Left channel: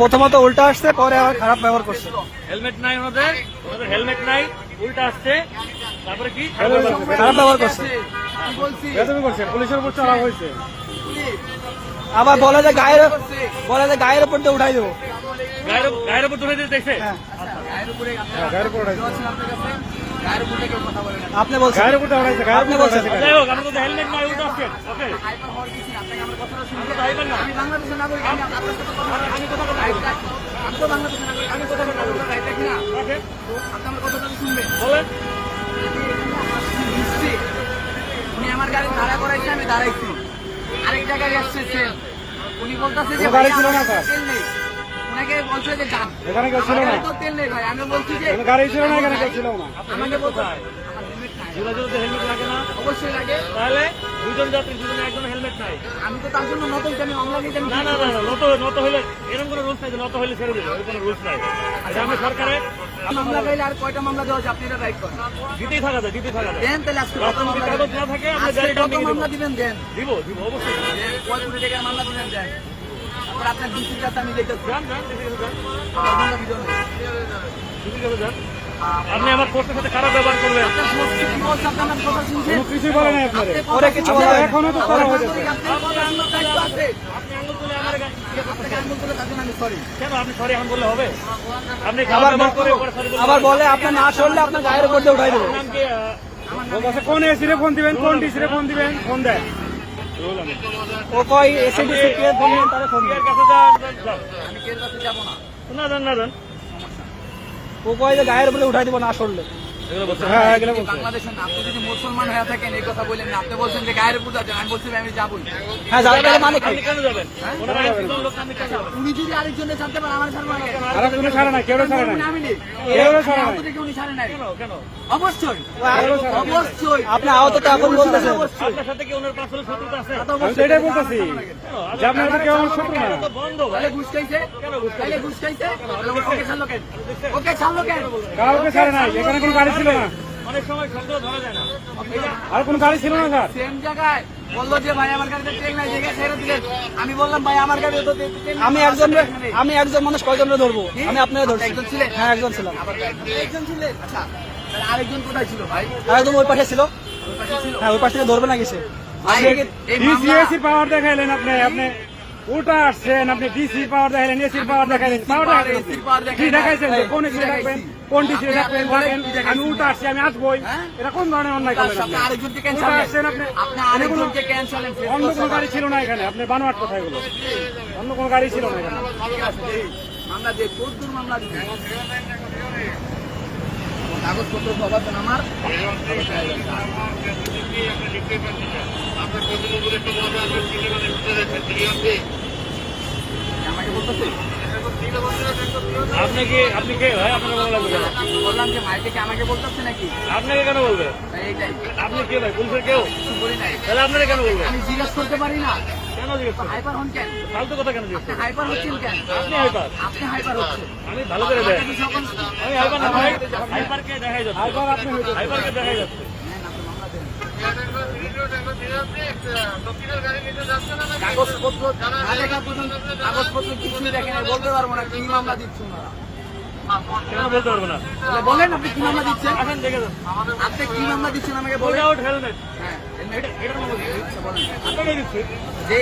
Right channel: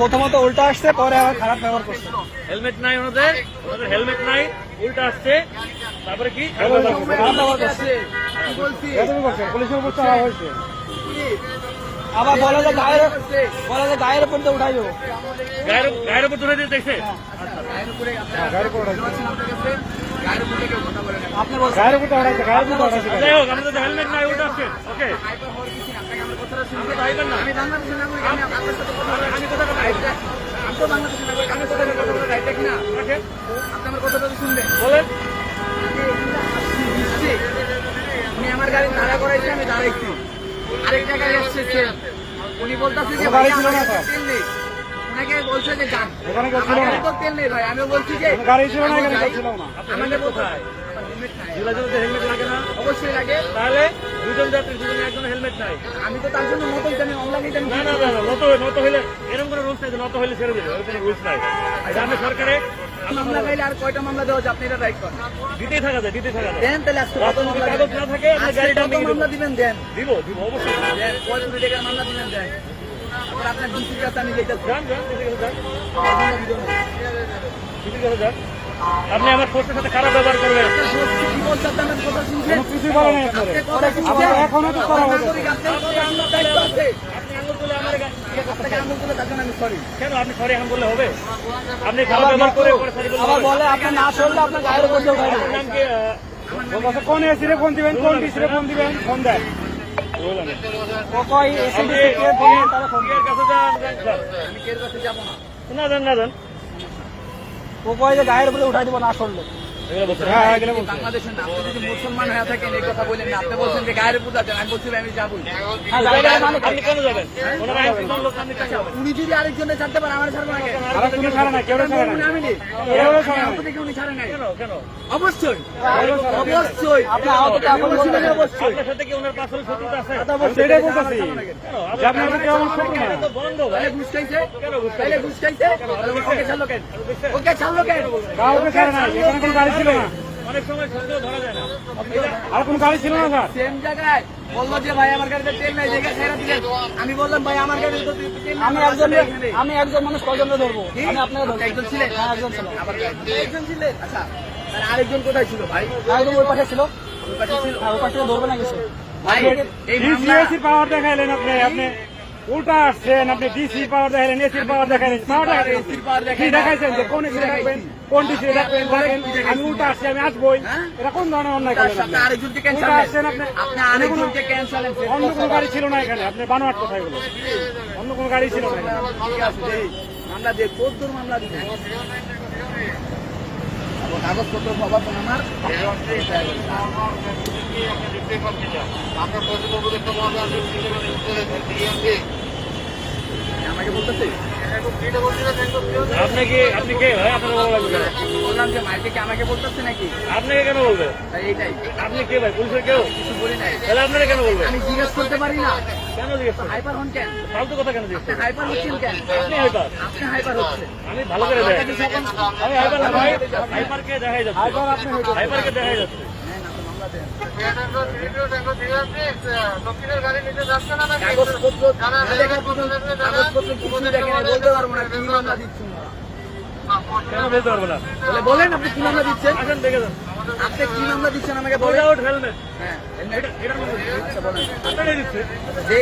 প্রথমত উল্টা আসছে পরে আবার খারাপ ব্যবহার করছে। হেলমেট নাই ওনাদের ওনাদের হেলমেট নাই উল্টা আসছে। তারপরে কি? খারাপ ব্যবহার করছে পুলিশের উপর চড়া হয়েছে। আবার বলে যে গায়ের বলে যে গায়ের উপর তো উঠাই দেবো। গায়ের গায়ের উপর তুলে দিতে দেখছে গায়ের উপর গায়ের উপর বলেন উনি আমার গাড়ি দাঁড়া করেছে আমি দাঁড়াইছি আরেক জায়গায় আসছে উনি বলতেছে যে ভাই গাড়ি আমার তেল নেই উনাকে বলছে যে যান। আমার তো তেল নেই ভাই। আমি বলছি যে গাড়ি ছিল না, এখানে ছিল না। আমাকে বলছে হেলমেট নাই। জুলাজুলাতে হেলমেট লাগে না। অবশ্যই লাগে। তাহলে দুজন যাত্রী দুজনে একজন হেলমেট নাই। আমি তো তার জন্য নতুন জানি অনলাইন জানি। না না না না নত নত হইলে এরকম কোনো রুলস নাই নত হইলে ছেড়ে দেবে এরকম কোনো রুলস নাই। এটা আমরা সরকারে মামলা পেলে আর কয়টা মামলা দেওয়া আপনি এটা রাইট করেন। দিতেই থাকা যায় দিতেই থাকা যায়। দেন তাহলে আজকে কত মামলা না থাকে আজকে গাড়িটা মামলা দিবেন? দেন। দিব দিব অবশ্যই। মামলা দিবেন? দেন। আপনি আমার ফোর্সের সাথে খারাপ ব্যবহার করলেন। কিছু বলে না একবারে ওরা কিছু বলে না। এখনও তো করা আপনি ব্যবহার করে? বলে না আপনার গায়ের উপর দিয়ে উঠাই কোন এসিরে ফোন দিবেন কোন ডিসিরে ফোন দিবেন? ফোন দেন। দিবেন না। না না গায়ের উপরে উঠাই দেবো না শুনলে হ্যাঁ মুসলমান হয়ে থাকেন এই কথা বললেন আপনি বলছেন যে গায়ের পূজা দেন আমি বলছিলাম যাব? উনি যদি আরেকজনে ছাড়তে পারেন আমার ছাড়বো অবশ্যই। অবশ্যই। আপনার সাথে কি ওনার পাশে শত্রুতা আছে? বন্ধ। ঘুষ খাইছে? ঘুষ খাইছে? ওকে ছাড়লো কেন? ওকে ছাড়লো কেন? এখানে গাড়ি অনেক সময় সন্দেহ ধরা যায় না। আর কোনো গাড়ি ছিল না সেম জায়গায় বলল যে ভাই আমার গাড়িতে তেল নাই জায়গা ছেড়ে দিলে। আমি বললাম ভাই আমার গাড়িতে তো আমি একজন আমি একজন মানুষ কয়জন ধরবো? আমি আপনাকে ধরছি। একজন ছিল। হ্যাঁ একজন ছিল। একজন ছিল? আচ্ছা আর আরেকজন কোথায় ছিল ভাই? একজন ওই পাশে ছিল। ওই পাশে ছিল। হ্যাঁ ওই পাশে ধরবে না গেছে পাওয়ার দেখাইলেন আপনি উল্টা আসছেন আপনি ডিসি পাওয়ার দেখাইলেন এসির পাওয়ার এসির কি দেখাইছেন যে কোন এসি দেখাবেন কোন ডিসি দেখাবেন বলেন আমি উল্টা আসছি আমি আসবই এটা কোন ধরনের অন্যায় আপনি? আরেকজনকে উল্টা আসছেন আপনি আপনি অন্য কোনো গাড়ি ছিল না এখানে আপনার বানোয়াট কোথায় গেল অন্য কোনো গাড়ি ছিল না এখানে মামলা দিয়ে কদ্দুর মামলা দিয়ে কাগজপত্র পাবেন আমার আপনি কি আপনি কে ভাই? আপনার ভালো লাগবে কেন? বললাম যে মাইকে কি আমাকে বলতেছে নাকি আপনাকে কেন বলবে? আপনি কে ভাই? পুলিশের কেউ? তাহলে আপনারা কেন বলবে আমি জিজ্ঞেস করতে পারি না কেন জিজ্ঞেস হাইপার হন কেন ফালতু কথা কেন জিজ্ঞেস করবেন? হাইপার হচ্ছেন কেন আপনি হাইপার আপনি হাইপার হচ্ছেন আমি ভালো করে দেয় আমি হাইপার না ভাই দেখাই যাচ্ছে। আবার আপনি হয়ে যাবেন। দেখাই যাচ্ছে। কেন বলতে পারব না বলেন আপনি কি মামলা দিচ্ছেন? আসেন দেখে যান। আপনি কি মামলা দিচ্ছেন আমাকে বলে হেলমেট হ্যাঁ এটা- বলেন। যে